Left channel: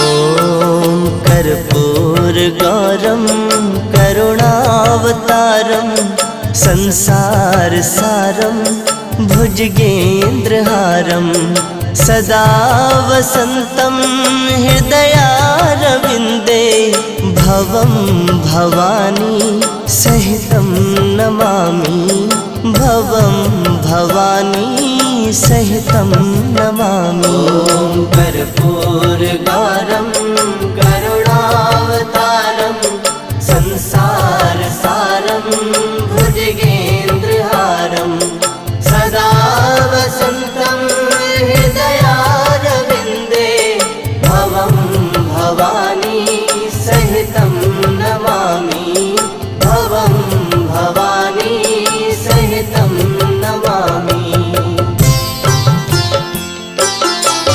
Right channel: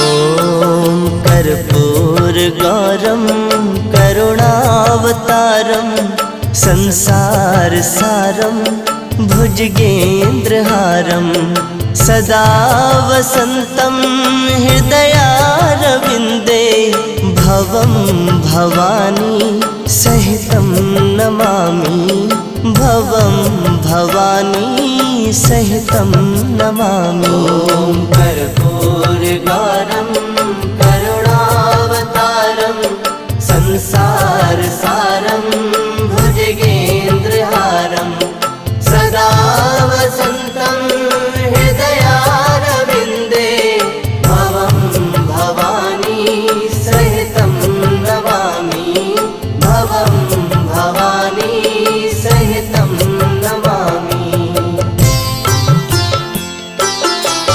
ॐ कर्पूरगौरं करुणावतारं संसारसारं भुजगेन्द्रहारं सदा वसन्तं हृदयारविन्दे भवं भवानी सहितं नमामि भवं भवानी सहितं नमामि। कर्पूरगौरं